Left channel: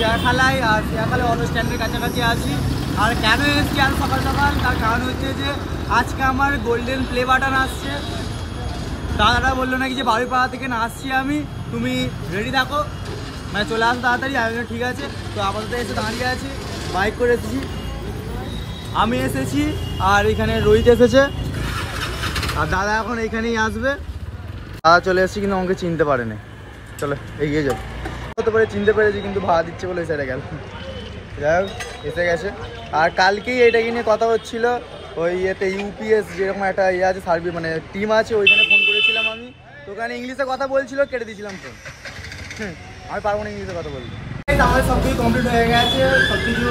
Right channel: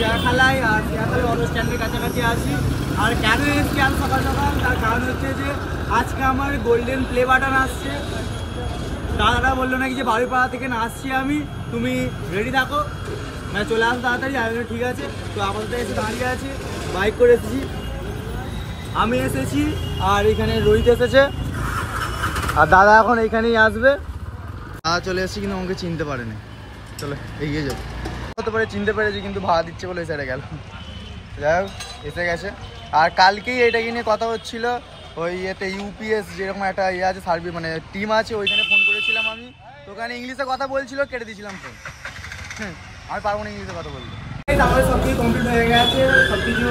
চিড়িয়াখানায়, আর চিড়িয়াখানায় অটো স্ট্যান্ডের কাছাকাছি আছি। আর কেন এসেছি আজ সকাল সকাল, তার কারণ হচ্ছে যে আজকে আমার গোল্ডেন প্লে বাটন আসছে। দাদাটা বললো নাকি যে বাড়িপাড়া থেকে না আসছি আমি, তুমি রেডি থাকো, মানে চলে আসো তাড়াতাড়ি। আমি ঠিক আছে। তো আমাদের এসে দাঁড়িয়ে আছি, বাইক করে এসেছি, আমি এসেছি আর এখানে রোহিত এসেছে, আর দাদা এখন এইখানেই আসবে। দাদা চলে এসেছি কিন্তু আমাকে চিনতে পারেনি। চলো এগিয়ে যাই। হতে পারে চিনতে পেরেছি, কিন্তু ভাড়া দিচ্ছে বলে সেটা গেল। যাই হোক এসে গেছে। আর কালকেই এটাকে নিয়ে কথা হচ্ছিল, ওই ইয়েতে ইউপিএস যেরকম একটা ইয়ে আছে সার্ভিস, মানে টিম আছে, ওইখানে ফোন করেছিলাম আমি। তো ওখানে ইংলিশে কথা বলছিল, কেটে দিয়েছিলাম ফোন। আমি পারবো না ইংলিশে কথা বলতে। আমাদের সব কিছু কমপ্লিট হয়ে গেছে, সব কিছু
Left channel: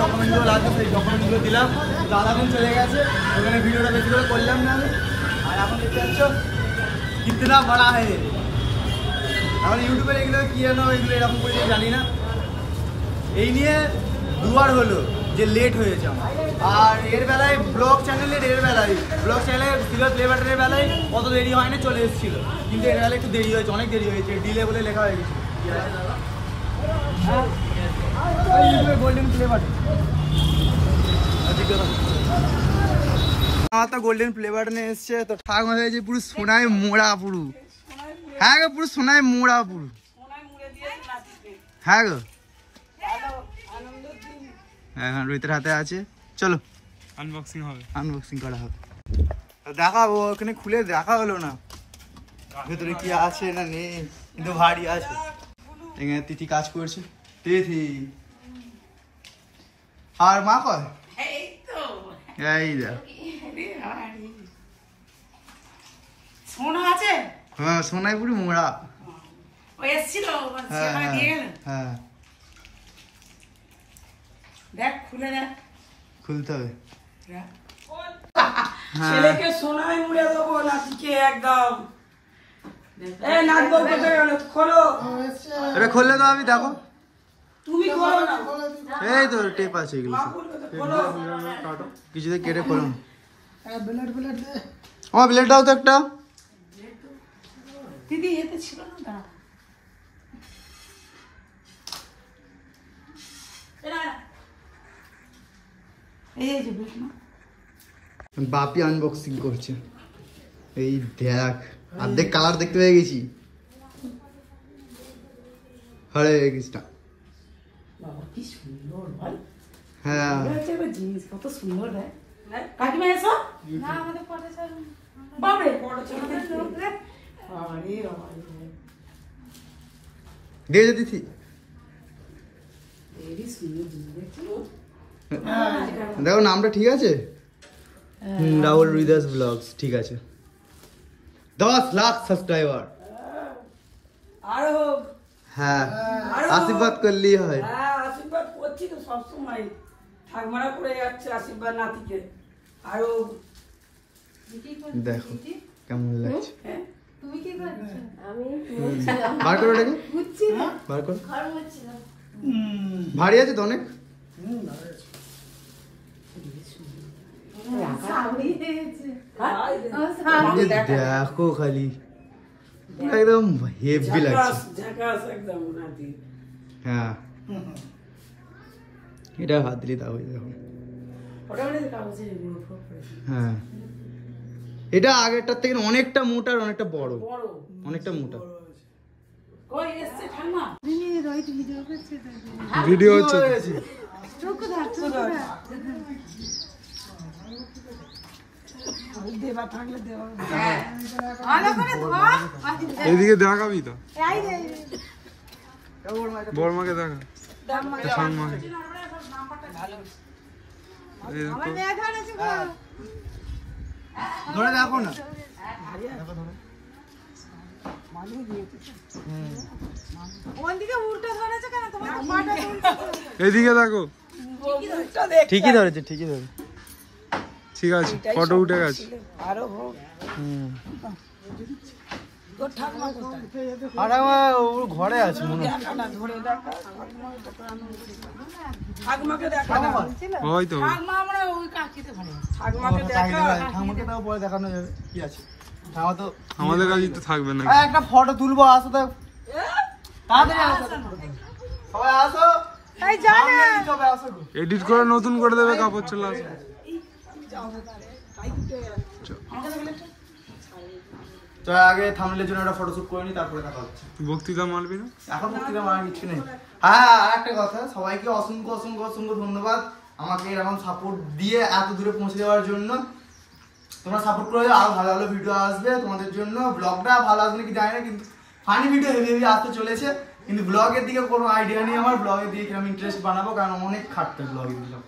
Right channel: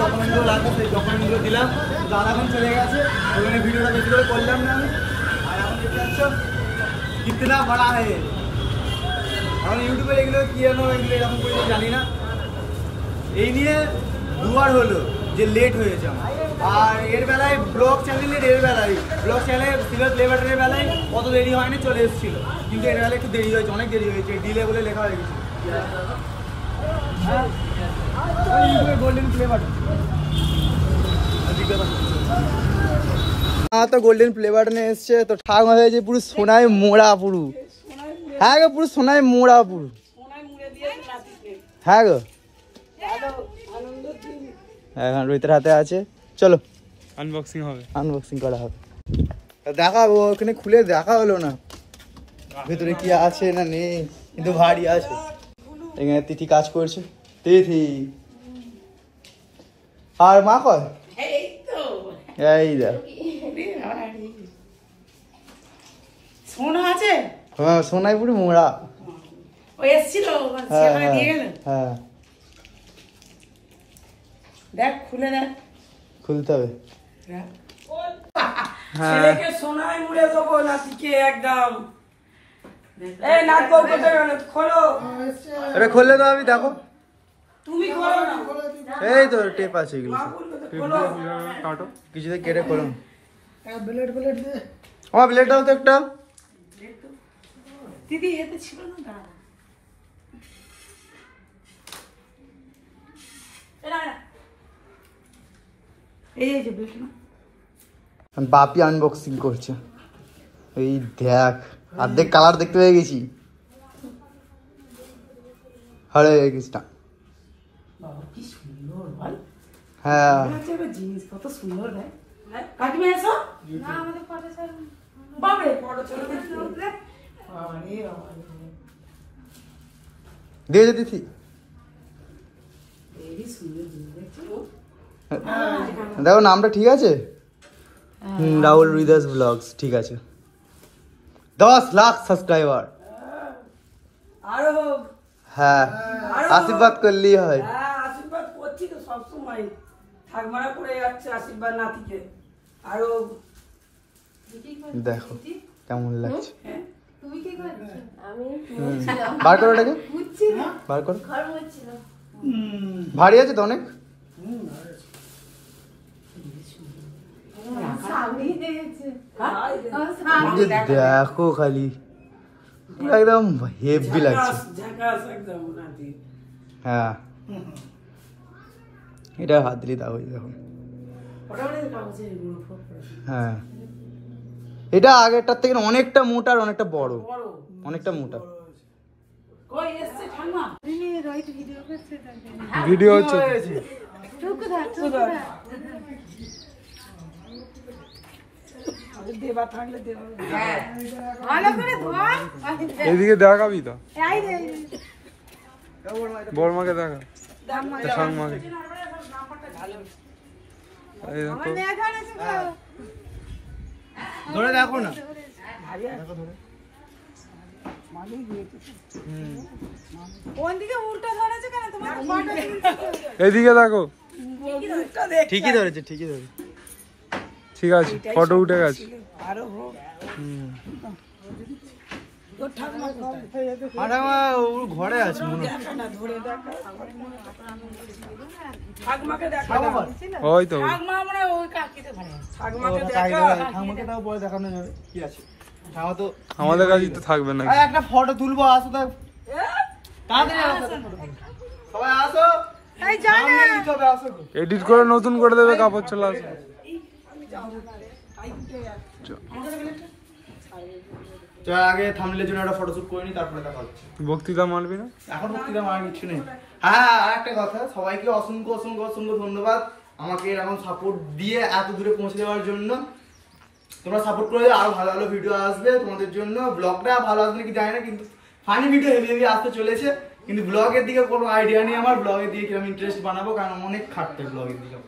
ডকুমেন্টগুলো লাগবে, সেই ডকুমেন্টগুলো দিলাম। দাদা এখন চলে গেছে, ওখানে ভিডিওটা বেশি করে করলাম না আমি। আর এখন দেখতে পাচ্ছ কিতনা বড়া হয়। এখন ইউটিউবে এগুলো কি জানো, এগুলো এরকম করে জানি না। এই নিয়ে দুবার হলো যে লেট হয়েছে আমার। আর এর বেলায় ব্লগ চ্যানেলের, ব্লগ চ্যানেলের সিলভার প্লে বাটনের বেলায় অত দেরি হয়নি, চলে এসেছিলো। কিন্তু এর বেলায় একটু দেরি হয়েছে, অনেক দেরি হয়েছে, ডিলে বলে লেখা হয়ে গেছে। গোল্ডেন প্লে বাটন, আমার তো গোল্ডেন প্লে বাটনে এসছে। তো ঠাকুমা হয়েছে পুরো সোনায় মোড়া, পুরো। হ্যাঁ গো, পুরো সোনায় মোড়া, পুরো। হ্যাঁ গো, এখন রোহিতের হাতে আছে। চলো আনবক্সিং হবে, আনবক্সিং করা হবে, দেখাবো। ওখানে খুলে দেখা হলো না ভেতরে কি আছে না নেই, কিন্তু ভারী আছে। এখানে তিথি কাজ করছে, তিথি। আর মা কয় এই দেখ সোনা আছে। হ্যাঁ সোনাই পুরো মোড়া। হ্যাঁ দেখ খুলে দেখ, খুলতে হবে। ছেলেকে সোনায় মুড়ে দেবো নাতিকে একদম। এটা খুললে তো আমি দেখো, তুমি খোলো না। এই তো টেপ আছে এগুলো, কিছুতে কেটে খোলো। আমার ব্লেড দাও তো একটা। দিদি এতে ছিল না। বাপি আনবক্সিং করছে। এই দেখ, অর্ধেক কালার দেখতে পেয়ে গেছি। হরে কৃষ্ণ। হ্যাঁ জিনিস কত সুন্দর। কাকিমা এসো। বাবরে দিয়ে দে দিদি। দেখো নামটা ঠিক আছে, রাহুল রিদাস ব্লগস, ঠিক আছে। 10 লাখ সাবস্ক্রাইবার। আরো হ্যাঁ আশীর্বাদ করলেই হয়। আশীর্বাদ করছি তো সবসময়, ঠাকমারা করে যাচ্ছে আশীর্বাদ নাতিকে। আরো দেখো কেমন লাগছে। তুমি কি করছো? আমি বার করো এটাকে, বার করো। ভারী আছে তো অনেক। দেখো খালি একদম হেভি লাগছে। হ্যাঁ এটা হাত দিলে তা হয়ে দেখো। হ্যাঁ এটা আগেরটার থেকে অনেকটা মোটা আর অনেকটা বড়, অনেকটা মোটা। ভিডিও হচ্ছে। এদিকে দেখাবি তো, বড়মাকে দেখা, ঠাকুমাকে। ধরে দেখো না, এদিকে দেখো। ঠিকই ধরেছে, ঠিকই ধরেছে। ঠিক আছে, ফটো উঠে গেছে। ঘরে আছে মনে ওই তো বলে দেখানো যাবে কি আছে। আমাদের কাছে তো থাকবে না। একটা ফটো তুলবো, আসো। সবাই আসো, সামনে দিতে হবে, আসো গো। এডিট করে নতুন করে দেবে কাপড় চলে আসবে। চল আগে থামলে জন্য একটা ফটোশুট করে নি, তারপরে কথা হচ্ছে। বক্তৃতা মারবি না? এখন বক্তৃতা মারার কিছু নেই। হ্যাঁ, আর একটা কথা, সবাইকে অসংখ্য অসংখ্য অসংখ্য ধন্যবাদ আমাকে এরকম সাপোর্ট দিয়ে এত দূরে পৌঁছে দেওয়ার জন্য। তোমরা সাপোর্ট করে আরো ভালো ভালো ভিডিও আসবে তোমাদের জন্য। ব্লগটা ভালো আসবে নাকি জানি না, কিন্তু ফানি ভিডিও হেভি হেভি আসতে চলেছে। কিন্তু ব্লগের দিকে কোনো আইডিয়া নেই আমার, ব্লগের দিকে কিরকম ইন্টারেস্ট বানাবো, কারণ অনেক খাটতে ব্লগের দিকে।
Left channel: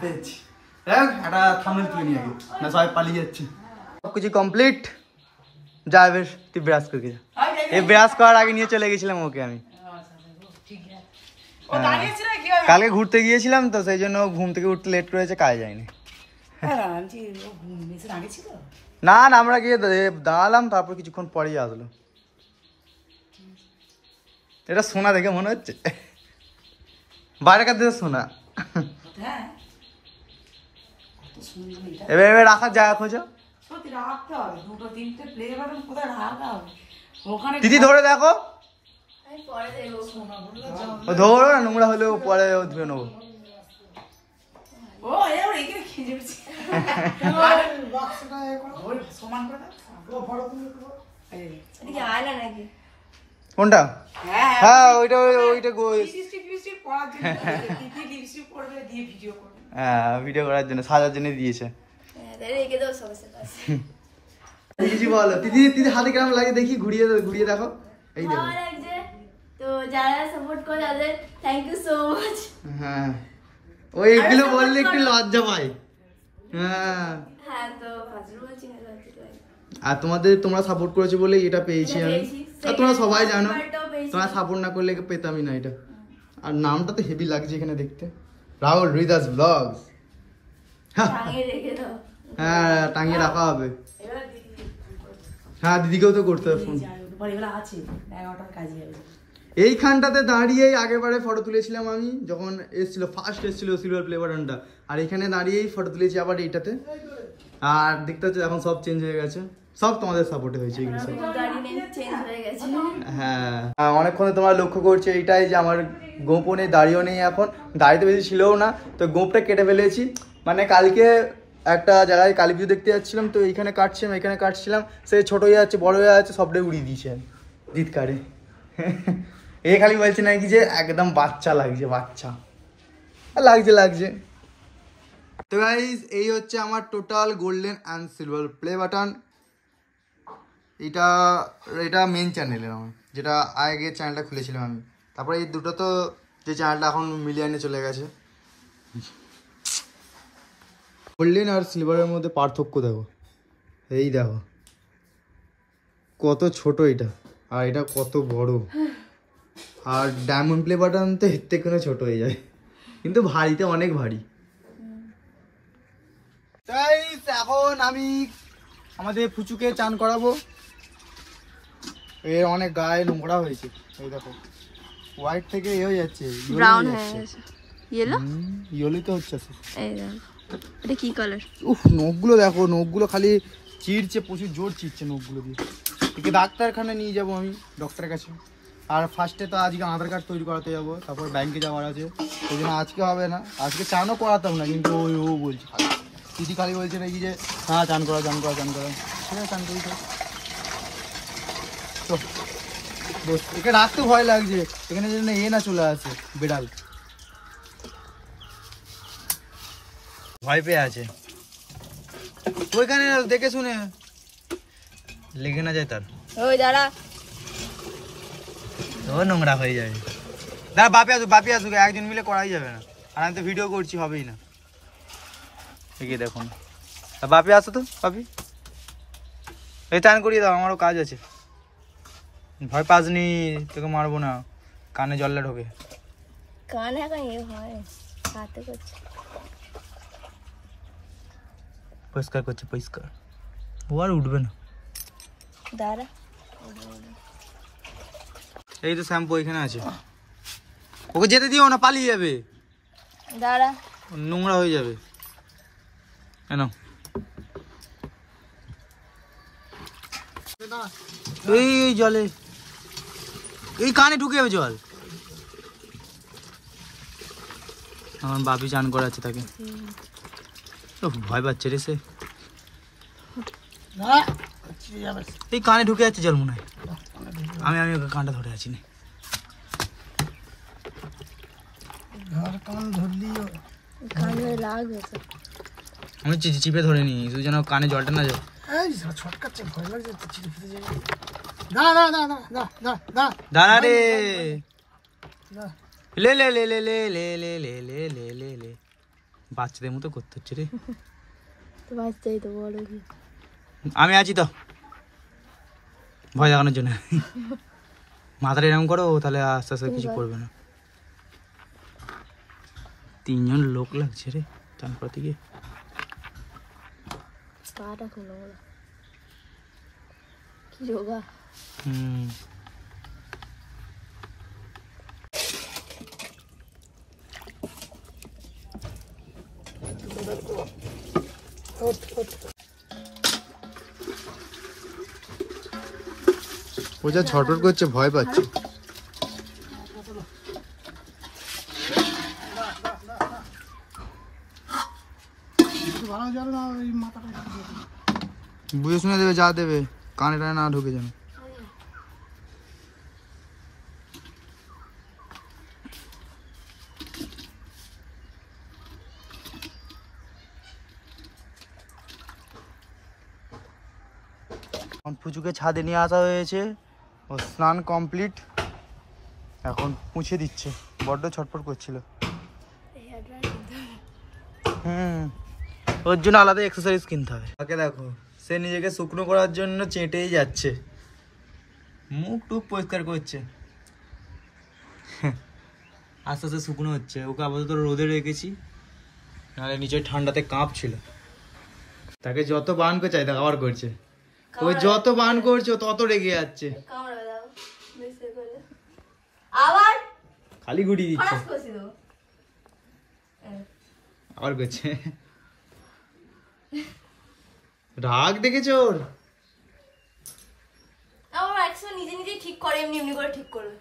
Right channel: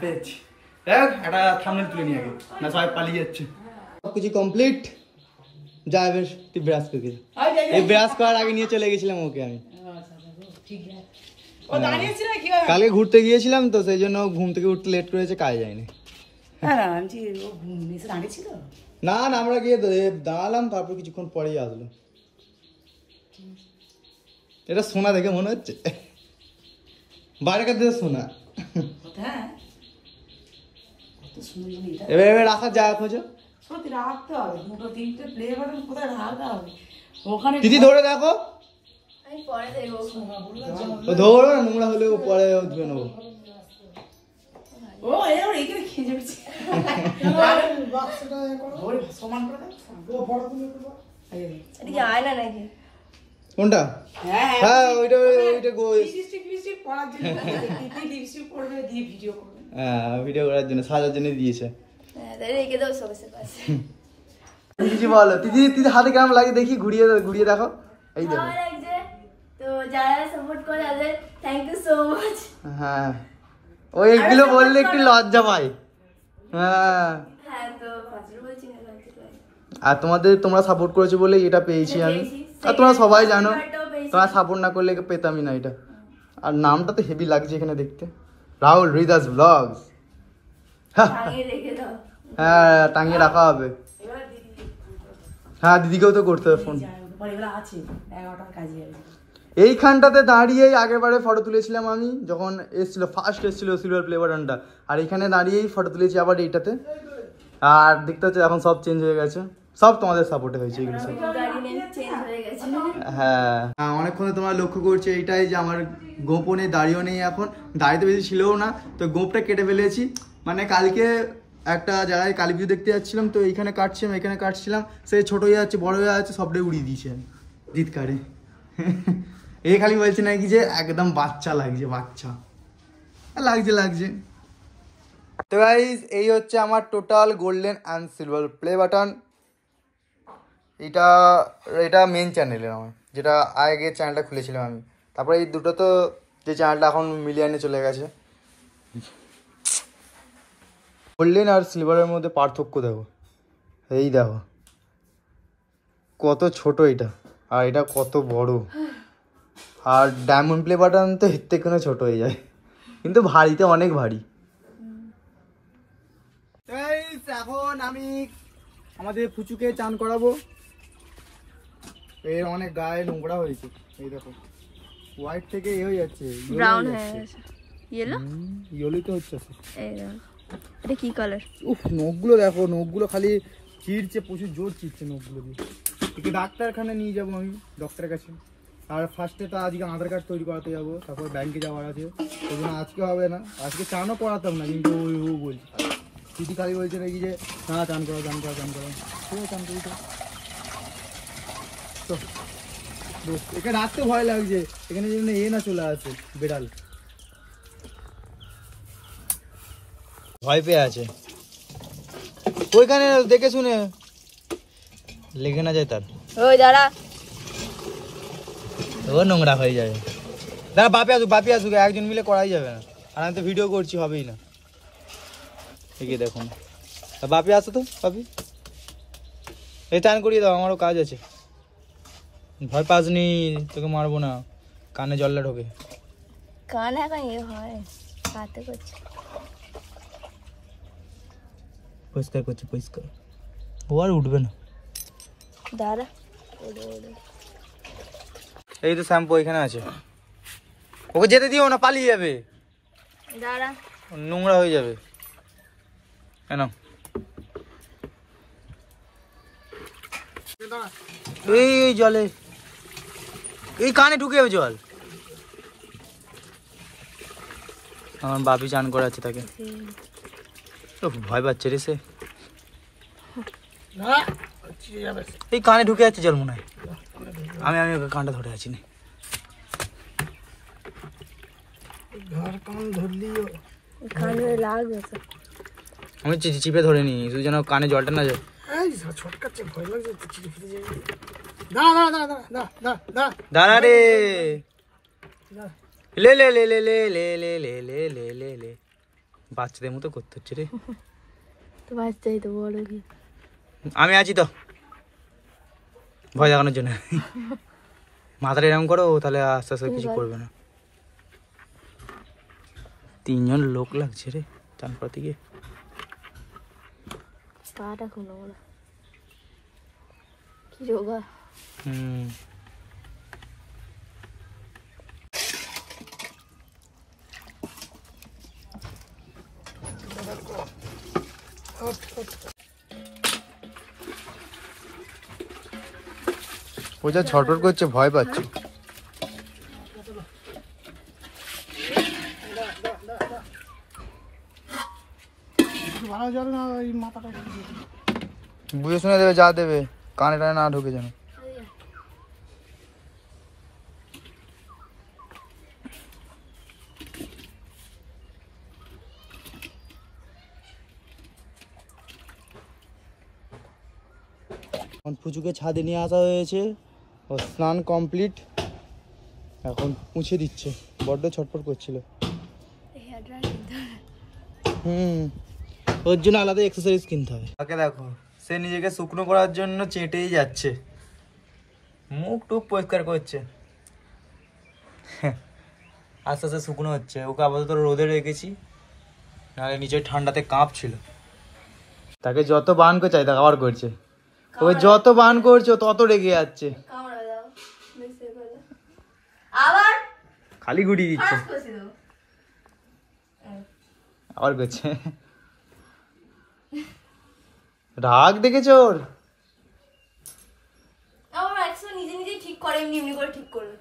পেয়েছি দেখ, একটা থাম্বনেল তুলে নিয়ে আগে, না সবাই পালিয়ে যাচ্ছে। সব কিছু কমপ্লিট। যা বেশ, তুই ব্রাশ করে যা। এই ব্রাশ করার আগে নিয়ে চলে গেছিলাম ওকে আমি। কালকে ঘুরতে গিয়েছিলাম তো, সেই জন্য ঘুম থেকে উঠতে লেট করেছে, কাজে যায়নি। না না, আমরা গিয়ে দাঁড়ালাম, তারপর কিছুক্ষণ পরেই আসলো। এটা সোনা দেখে মনে হচ্ছে, বাইরেকার দেশে সোনা। এবার রাখার জায়গা খোঁজো। দিদি ধরে দেখো, ধরো না, নোংরা হলেও পরে ধুয়ে নেবো। কোনটা? হ্যাঁ, ওইটা ওইটা ভিডিও করার জন্য, সাজার জন্য দিয়েছে। দিদি বলো, দিদি দিদি হাতে কেমন লাগে দেখি, ঘুরিয়ে ঘুরিয়ে দেখো। এই দেখো, তো যারা সাপোর্ট করে তাদের থ্যাংক ইউ সো মাচ। হ্যাঁ, ওইগুলো বললে একটু লজ্জা পাই। হ্যাঁ, তো ফার্স্ট বলছি না, আর তোমরা সাপোর্ট করেছো বলে এটা পেয়েছি আমি। আর তোমরা সবাই জানো, তোমরা সাপোর্ট না করলে পেতামই না এটা। আর নামটা তো হেভি লাগছে এখানে দেখতে, রাহুল হৃদাস ব্লগস। হ্যাঁ, টাঙিয়ে রাখা হবে। হ্যাঁ, দিদিকেও তো করতে হবে ফোন। এইখানটাতে দাঁড়িয়েই আগেরবারে ফটো তুলেছিলাম আমি, যখন ফার্স্ট এসেছিল সিলভার প্লে বাটনটা, আর এখানে দাঁড়িয়েই ফটো তুলেছি আবার এইটাতে। আর দেখতে হচ্ছে এখন সব চেঞ্জ হয়ে গেছে, সব তোমাদের সাপোর্টে হয়েছে এগুলো সব। হ্যাঁ, অনেকক্ষণে তোমরা লক্ষ্য করছো এইটাই যে আমার গোপও নেই, দাড়িও নেই, এখন দাড়িতে বেশি ছিলও না, তো গোপটা কেটে ফেলেছি। মানে কালকে একটা জায়গায় কালী পুজো দেখতে যাচ্ছিলাম, তো এখানে কাটছিলাম, সে ছোট হয়ে যাচ্ছে, বড় হয়ে যাচ্ছে, সবটাই উড়িয়ে দিয়েছে দিতকারে। এ খালি বলছে নাকি যে একদম বাচ্চা লাগছে, বাচ্চা লাগছে। তো গাইস, এই হচ্ছে আমার total golden and silver play button. এটা মেন চ্যানেলের আমার, যেটা আগে চ্যানেলটা খুলেছিলাম আমি। তারপরে এই দুটো তো, যে চ্যানেলটা এখন মিলিয়নে চলে গেছে। গোল্ডেন আর সিলভারের মধ্যে পার্থক্য দেখো, এই দেখো কত ছোট এটা, আর এটা কত বড়। আর ডায়মন্ড প্লে বাটন তো এর থেকে কোনো ছোট হয়ে যায়, কিন্তু ভারীতে অনেক ভারী। এখন আমি আমাদের ফুচুকে চান করাবো। এর অনেক গায়ে নোংরা হয়েছে, এই দেখো হোয়াইট থেকে এ হয়ে যাচ্ছে, ব্রাউন হয়ে গেছে, ইয়েলো তো হচ্ছে। এই দেখো, এটা কি কালার? উফ, নখগুলো দেখো, নখগুলো খালি চিড়ছে, প্রচুর জোর চিড়ছে নখগুলো দিয়ে। একে ডাক্তারখানে নিয়ে যাবো আমি, ডক্টরের কাছে। আর ফার্স্টে তো আজকে আধার কার্ড তৈরি করাতে যাবো, তারপরে ব্যাংকে যাওয়ার আছে, ওই জন্য আজকে হবে না। আজকে চানও করাতাম না, কিন্তু ও বলছে, দিদি খালি বলছে নাকি যে হ্যাঁ চান করা। ঠিক আছে, চান করি তো। একে রাখতে ভয় লাগছে, এখানে যেন না চলে আসে বিড়াল, ভয় পেয়ে আছে। ওইখানে দেখে শুনে লেগে না যায় তার, ওই দাঁড়া, ও নোংরা হয়ে যাবে। দাঁড়া, বাপি আসুক, একজন মিলে করাই যাবে না। আর আমি তো ভিডিও করছি, হবেই না। এগিয়ে দেখুন, বাপি আসো তো, বাপি এই চান করিয়ে দাও, আমারও কাজ আছে। ভয় পাসনি, তোকে মারবো না, কানে জলটা ঢোকে। কানে এখন ইয়ে হয়, হাতে করছে, পরিষ্কার করছে, পরিষ্কার। ও আর উঠবে না, দাঁড়া, ওড়ে। এই তো শ্যাম্পু এখানে আছে, ওকে যেতে দিও না, পালিয়ে যাবে, দাঁড়া, নোংরা হয়ে যাবে। কেন এই জলে, এই কানে ঢুকে যাবে জল। আমার বাপি চান করাচ্ছে তাকে। ভয় পাচ্ছে রে সে, এই কানে ঢুকে যাচ্ছে জল মনে হয়। আমি ওকে কানটা ধরে আছি না, আমি চিপে ধরে নি, তুই যেন কানে জলটা না যায়। দাঁড়া রে, লে লে লে লে লে লে লে লে লে লে লে লে, বাচ্চাদের মতো করতে হচ্ছে রে। আমি আছি তো ভয় দেখানোর জন্য। মাথাটা এরকম করো, তাহলে আস্তে আস্তে কিছু করবে না। 3 জন লোক লাগছে রে তারপর থেকে। ও যা ছটফট করছে, ভয় পাচ্ছে। বুঝে শুনে দেবে, যা দেবে কানে টানে না ঢুকে যেন। পুচুকে ছাদে নিয়ে আসা হয়েছে, ও স্নান কমপ্লিট, এখন মুছে দিচ্ছে, বড্ড ছটফট করছিল। ওর জন্য আলাদা এক্সারসাইজ কিনতে হবে। তাকে দেখো, সে নিজেকে শুকনো করার জন্য চেটেই যাচ্ছে, মুখ টুক পরিষ্কার করছে, আস্তে আস্তে শুকনো হচ্ছে। ওকে আপাতত রোদে রেখেছি, নাহলে নিচে ঠান্ডাতে কাঁপছিল। তাকে যত বান করে চাই আবার করছে, ওই যত বান করছে তত রেগে যাচ্ছে, আবার খালি গুটি দিচ্ছে, আবার করছে। রাগ দেখেছ ওর? আমার একসময় নিজে নিজে ঠিক করে, এমনি এমনি করে ঠিক করবে।